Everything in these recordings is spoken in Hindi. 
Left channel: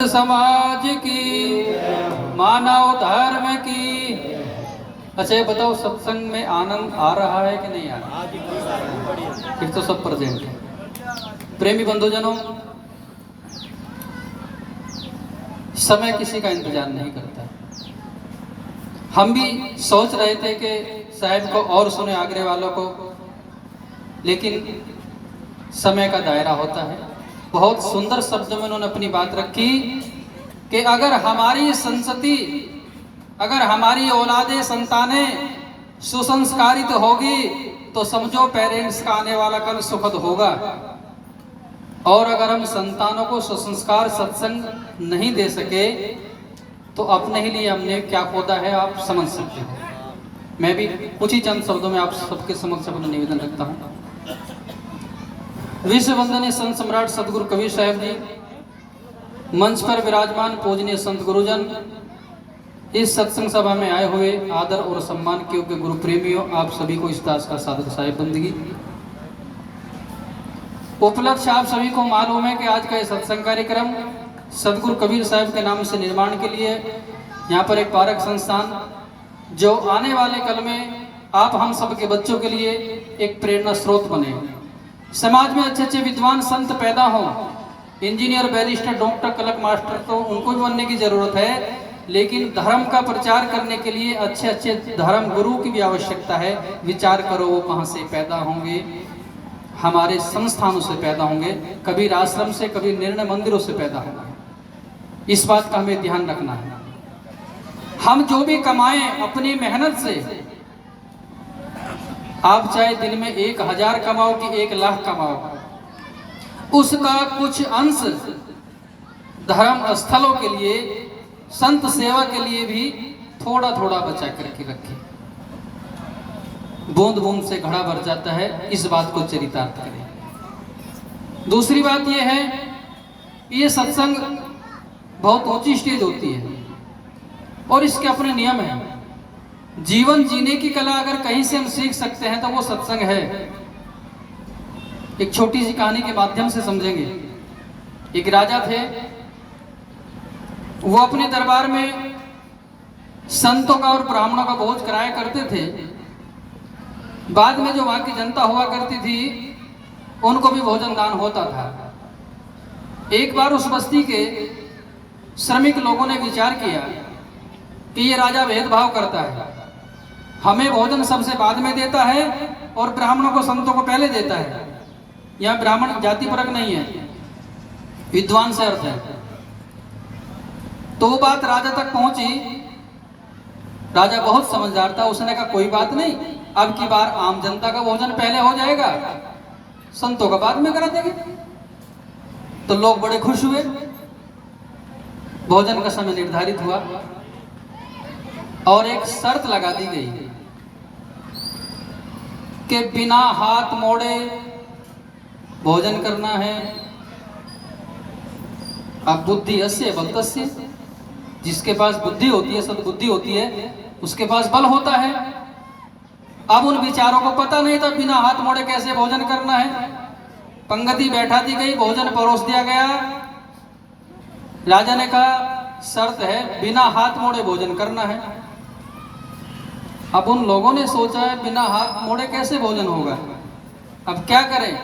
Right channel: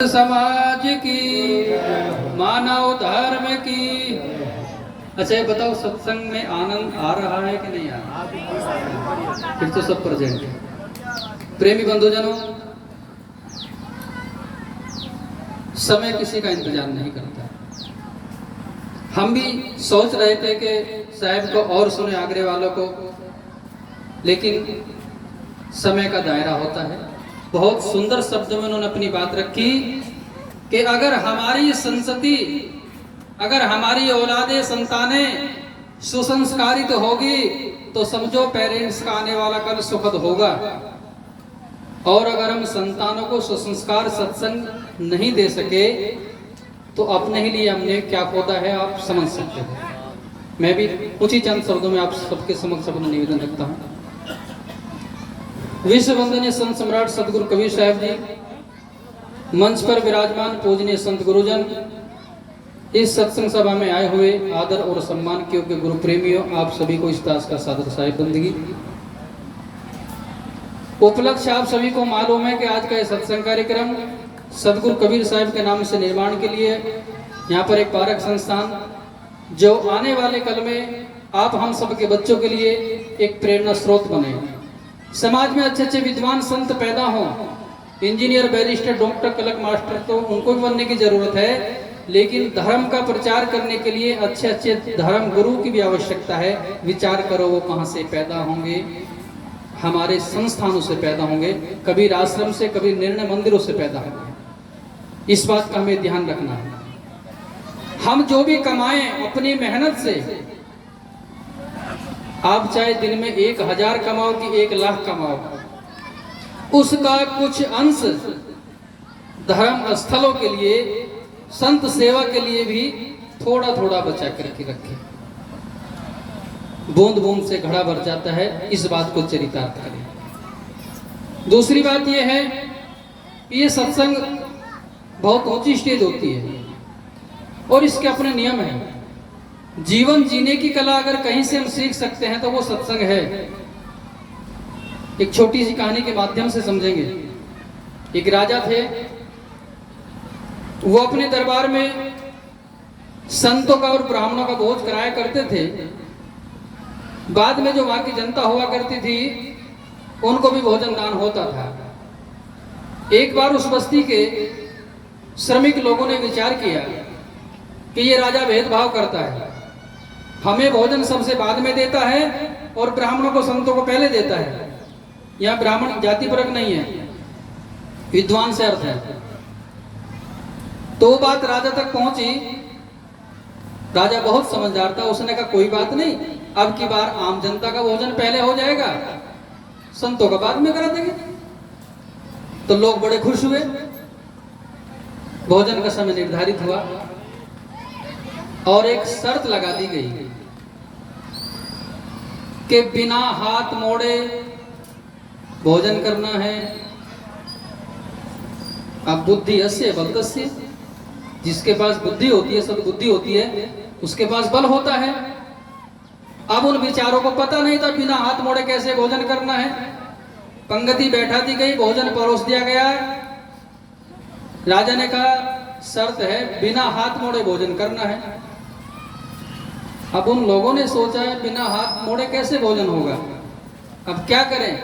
समाज की, मानव धर्म की। अच्छा ये बताओ, सत्संग में आनंद आ रहा है कि नहीं आ रहा? फिर तो सब प्रेजेंट है। प्रेमी बंधुजनों, समय किसी का इंतजार नहीं करता है। हम भी सोच रहे थे कि साहब को और सुने आगरे वालों को, लेकिन समय का दायरा होता है। बहुत सुंदर शब्द में उन्होंने अपनी बात रखी कि अगर हमारी संतति, अगर हमारी औलादे संतानें सुसंस्कारित होगी तो समझो पेरेंट्स का आने वाला कल सुखद होगा। और अगर हम संतानों को सुसंस्कार सत्संग नहीं दे सके तो अपने ही लिए हमने क्या खोदा है, आप समझ सकते हो। मैं भी कुछ ही चंद शब्दों में आप सबके समक्ष अपना निवेदन रखता हूँ। विश्व वंदनीय संत सम्राट सतगुरु कबीर साहब जी, मंच पर विराजमान पूजनीय संत गुरुजन, इस सत्संग सभा में आए हुए आदर और सम्मान के योग्य गुरु प्रेमियों, आप सभी को इस दास का सादर साहिब बंदगी। उपलक्ष्य आप सभी को मालूम है कि आज का यह सत्संग कार्यक्रम सतगुरु कबीर साहब के नाम से निर्माण के लिए यहाँ पर एक पारक संस्थान, जो आने वाले कल में आप हम सबके बच्चों के लिए एक प्रेरणा स्रोत बने। समाज में अच्छे अच्छे विद्वान संत पैदा हों, इंजीनियर, बैरिस्टर, डॉक्टर, कलक मास्टर तो उनको भी बनने की जरूरत है, लेकिन धर्म का प्रचार करने के लिए अच्छे अच्छे धर्म गुरु की भी आवश्यकता है। विचार करो वो कहाँ से पैदा होंगे? हमारे संस्थानों से पैदा होंगे, कबीर आश्रम से, कबीर निर्णय मंदिरों से पैदा होंगे। इस बात का हमें ध्यान रखना है। हम जो भी कमाएं अपनी मेहनत से, आप चाहे दिन में 1000 कमाओ कि 1 लाख कमाओ, उसका कुछ अंश धर्म स्थलों के लिए, संत सेवा के लिए भी थोड़ा थोड़ा बचा करके रखें। बूंद बूंद से घड़ा भर जाता है, इस बात को चरितार्थ करें। दूसरी बात यह है, ये सत्संग बहुत ऊंची स्टेज होती है और इसके अपने नियम हैं। जीवन जीने की कला अगर कहीं से हम सीख सकते हैं तो वो सत्संग है। एक छोटी सी कहानी के माध्यम से समझेंगे। एक राजा थे, वो अपने दरबार में संतों का और ब्राह्मणों का भोज कराया करते थे। बाद में जो वहां की जनता हुआ करती थी, उनको भी भोजन दान होता था। एक बार उस बस्ती के श्रमिक लोगों ने विचार किया कि ये राजा भेदभाव करता है, हमें भोजन सबसे बाद में देता है और ब्राह्मणों को, संतों को पहले देता है। यहाँ ब्राह्मण जाति परक नहीं है, विद्वान से अर्थ है। तो बात राजा तक पहुंची। राजा बहुत समझदार था, उसने कहा कोई बात नहीं, अब की बार आम जनता का भोजन पहले हो जाएगा, संतों का बाद में करा देंगे। तो लोग बड़े खुश हुए। भोजन का समय निर्धारित हुआ और एक शर्त लगा दी गई कि बिना हाथ मोड़े भोजन करना है। अब बुद्धि अस्य बल तस्य, जिसके पास बुद्धि होती है, सद्बुद्धि होती है, उसके पास बल होता है। अब उन विचारों को पता नहीं था बिना हाथ मोड़े कैसे भोजन करना है। पंक्ति बैठा दी गई, भोजन परोस दिया गया। राजा ने कहा शर्त है, बिना हाथ मोड़े भोजन करना है। अब उन लोगों ने सोचा बिना हाथ मोड़े कैसे भोजन होगा, अब क्या करें?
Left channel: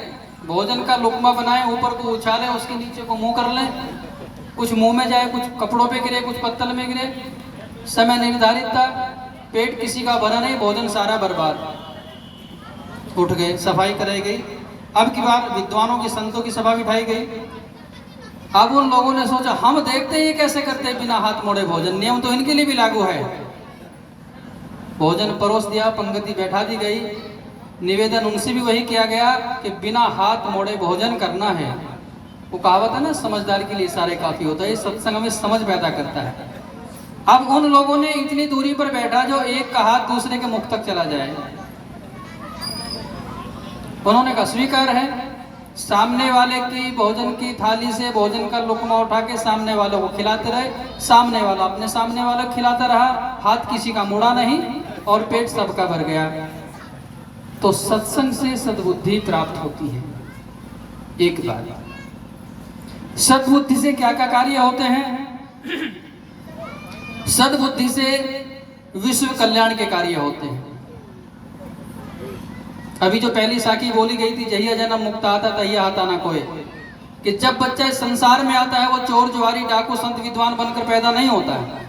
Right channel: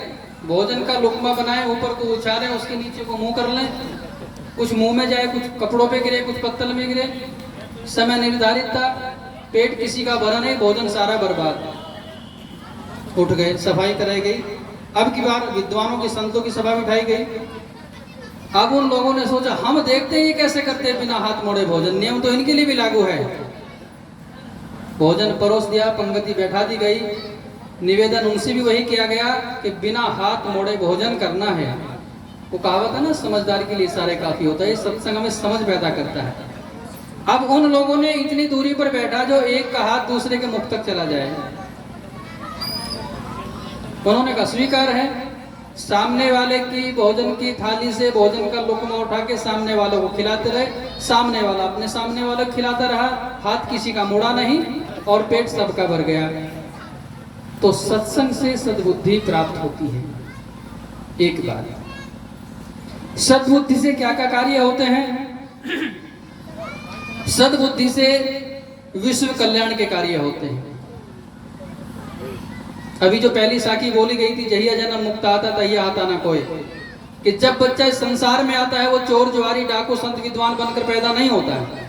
भोजन का लुकमा बनाए, ऊपर को उछालें, उसके नीचे को मुंह कर लें, कुछ मुंह में जाए, कुछ कपड़ों पे गिरे, कुछ पत्तल में गिरे। समय निर्धारित था, पेट किसी का भरा नहीं, भोजन सारा बर्बाद। उठ गए, सफाई कराई गई। अब की बार विद्वानों की, संतों की सभा बिठाई गई। अब उन लोगों ने सोचा हम देखते हैं ये कैसे करते हैं बिना हाथ मोड़े भोजन, नियम तो इनके लिए भी लागू है। भोजन परोस दिया, पंक्ति बैठा दी गई। निवेदन उनसे भी वही किया गया कि बिना हाथ मोड़े भोजन करना है। वो कहावत है ना, समझदार के लिए इशारे काफी होता है। ये सत्संग में समझ पैदा करता है। अब उन लोगों ने इतनी दूरी पर बैठा जो एक का हाथ दूसरे के मुख तक चला जाए। उन्होंने कहा स्वीकार है। सामने वाले की भोजन की थाली से भोजन का लुकमा उठा के सामने वालों को खिलाते रहे, सामने वाला अपने सामने वालों को खिलाता रहा, हाथ किसी का मुड़ा नहीं और पेट सबका भर गया। तो सत्संग से सद्बुद्धि प्राप्त होती है। एक बात सद्बुद्धि से क्या क्या कार्य होते हैं? सद्बुद्धि से विश्व कल्याण के कार्य होते हैं। अभी जो पहली साखी बोली गई थी, जहिया जन्म मुक्त आता तहिया आता ना कोई, कि जब बच्चा इस संसार में आता है वो चोर जुआरी डाकू संत विद्वान बनकर पैदा नहीं होता है।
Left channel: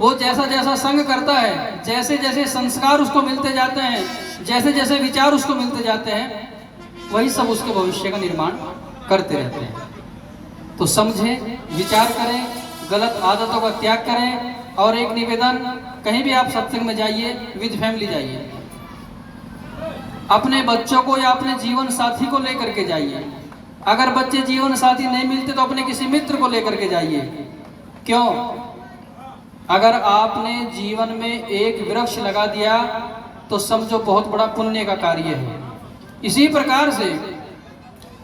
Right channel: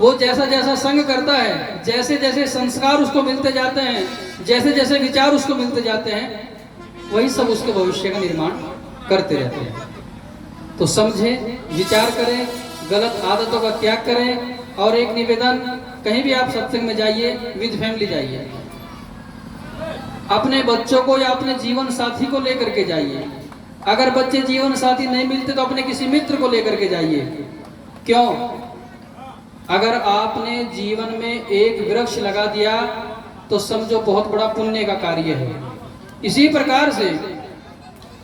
वो जैसा जैसा संग करता है, जैसे जैसे संस्कार उसको मिलते जाते हैं, जैसे जैसे विचार उसको मिलते जाते हैं, वही सब उसके भविष्य का निर्माण करते रहते हैं। तो समझें, विचार करें, गलत आदतों का त्याग करें। और एक निवेदन, कहीं भी आप सत्संग में जाइए, विद फैमिली जाइए, अपने बच्चों को या अपने जीवन साथी को लेकर के जाइए। अगर बच्चे जीवन साथी नहीं मिलते तो अपने किसी मित्र को लेकर के जाइए। क्यों? अगर आपने जीवन में एक वृक्ष लगा दिया तो समझो बहुत बड़ा पुण्य का कार्य है। इसी प्रकार से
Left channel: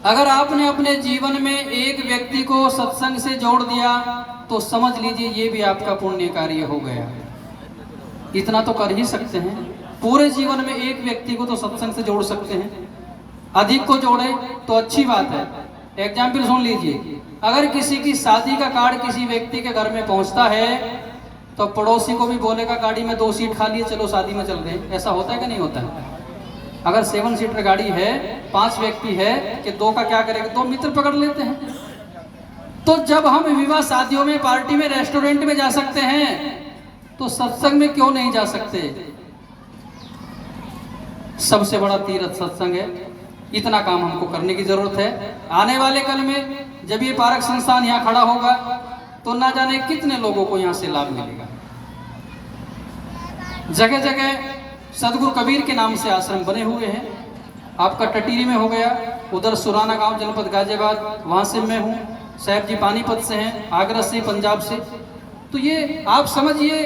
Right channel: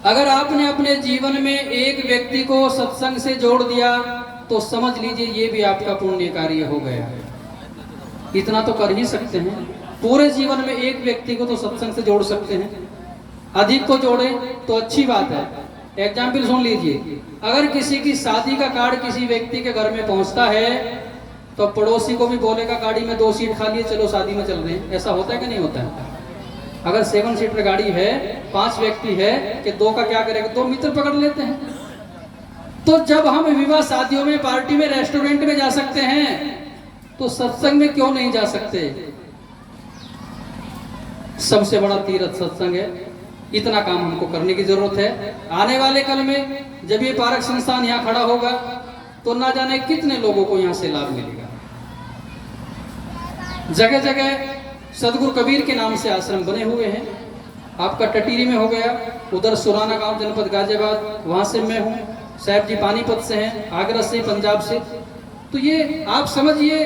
अगर आपने अपने जीवन में एक व्यक्ति को सत्संग से जोड़ दिया तो समझ लीजिए ये भी आपका पुण्य कार्य हो गया। इतना तो कर ही सकते हैं, पूरे जीवन में एक व्यक्ति को तो सत्संग से जोड़ सकते हैं। अधिक को जोड़े तो अच्छी बात है। एग्जाम्पल सुन लीजिए, अगर किसी की शादी का कार्ड किसी व्यक्ति के घर में पहुंचता है तो पड़ोसी को भी बोलेगा गाड़ी में 2 सीट खाली है, चलो शादी में चल रहे हैं। ऐसा होता है कि नहीं होता है? अगर 7 सीटर गाड़ी है, 5 व्यक्ति है, कि 2 का क्या करेगा? 2 मित्र पकड़ लेते हैं। तो जब हम विवाह शादियों में, पार्टी में, रेस्टोरेंट में जा सकते हैं तो सत्संग में क्यों नहीं जा सकते? सबसे बड़ा तीर्थ सत्संग है। इतना काम हमको करने की जरूरत है। आने वाले कल में जब ये पारक संस्थान यहाँ खड़ा होगा तो ना जाने कितने लोगों को यहाँ से लाभ मिलेगा। जगह जगह सदगुरु कबीर के नाम से आश्रम बने हुए हैं। आपका टटीरी में हो गया, उधर सुराना गांव जनपद गाजियाबाद, वहां से मैं हूँ। साहब जी पानीपत से हैं, आगरा से, पंजाब से। तो ये आप समझिए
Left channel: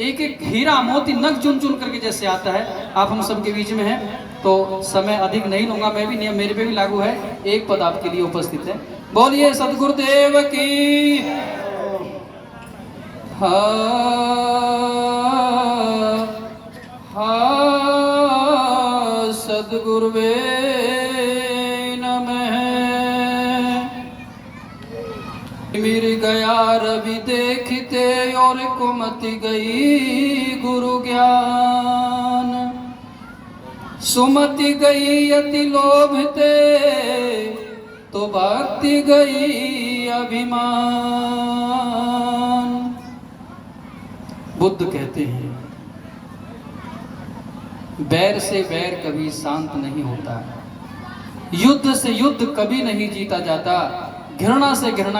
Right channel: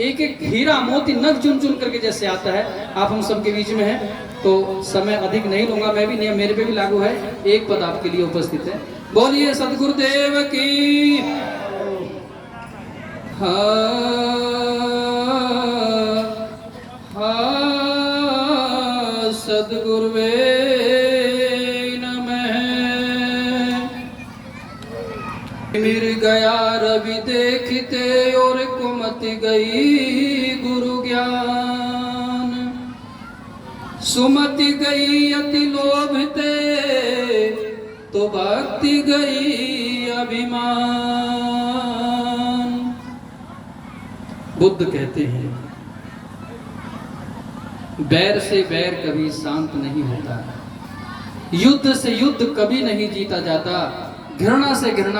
एक एक हीरा मोती नग चुन चुन करके जैसे आता है। आप हम सबके बीच में हैं तो समय अधिक नहीं लूंगा, मैं भी नियम मेरे पे भी लागू है। एक पद आपके लिए उपस्थित है। बोलिए सदगुरुदेव की। सदगुरुवे नमः। मिर गया रवि देखते और कुमति गई गुरु ज्ञान, सुमति गई अति लोभते तो भक्ति गई अभिमान। बुद्ध कहते हैं बैर से बैर कभी शांत नहीं होता, युद्ध से युद्ध कभी नहीं जीता जाता, घृणा से घृणा